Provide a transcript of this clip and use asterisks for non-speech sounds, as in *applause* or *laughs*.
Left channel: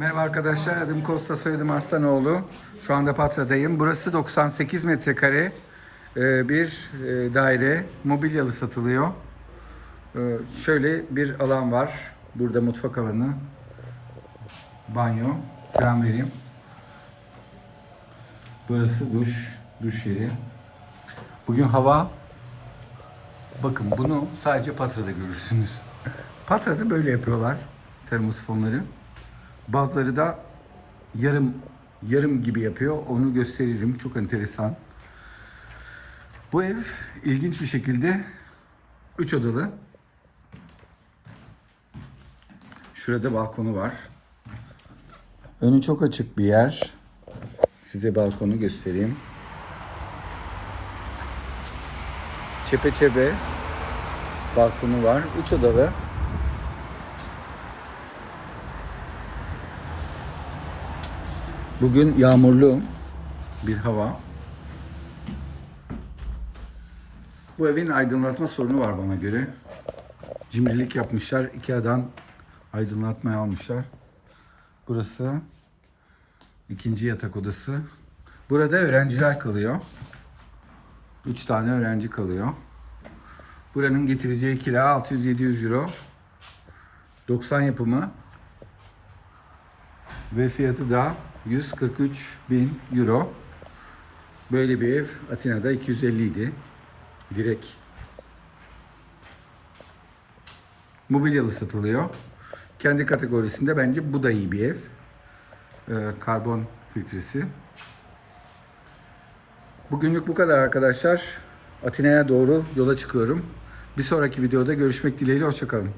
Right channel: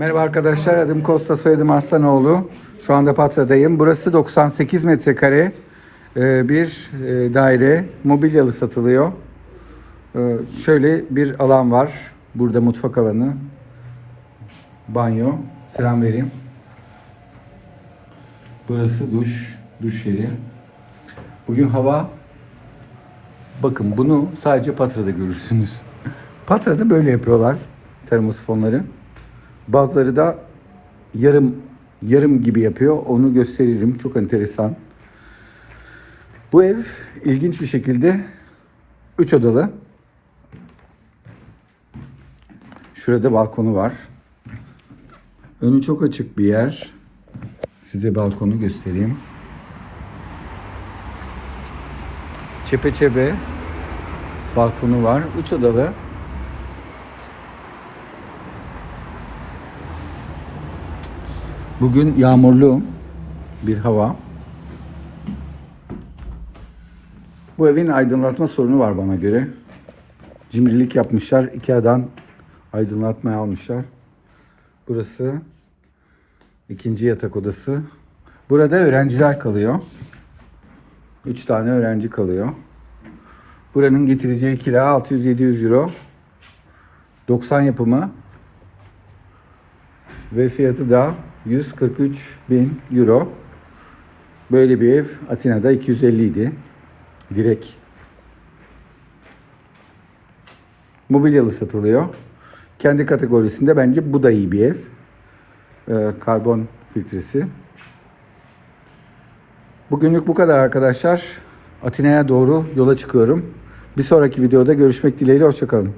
Merhaba arkadaşlar, adım Kosta, soyadım Arslanoğlu. Şu anda Patra'dayım. Burası 98 metrekare e, bir e, daire. Mobilyalı satılıyor. E, Şöyle bir alan var. Burada mutfak alanı, banyo. Selam vereyim. Burası duş, duş yeri. Bugün hava Bakın bunu sadece Patra'da görürsünüz. *laughs* Patra'da böyle yapıyorlar termosifonları. Bazıları da yarım yarım gibi yapıyor. Onu gösteririm. Çok enteresan. Bu ev ilginç bir şekilde 3 odalı. Şurada balkonu var. Önü çok açık bir yer. Size balkonu göstereyim. Çepeçebe balkonu var. Üç odalı. Bugün yağmurlu bir hava. Bu evin aydınlatma sorunu var bana göre. Cimrilik yapmışlar. Ikea'dan aydınlatmaya almışlar. Burası ikinci yatak odası. Burada öğrenciler kalıyor. Üç tane öğrenci kalıyor. Buranın getireceği kira 600-700 euro. 90 yapımı. Ve fiyatı da 143 bin euro. Böyle bir ev Atina'da 250 idi. Direkt. Mobilyalı satılıyor. Kendi kategorisinde bence bu da iyi bir ev. Ee, karbon filtresi. Bugünlük bu kadar arkadaşlar. Atina'ya doğru yola çıkıyorum. Bir sonraki videoda görüşmek dileğiyle. Hoşçakalın.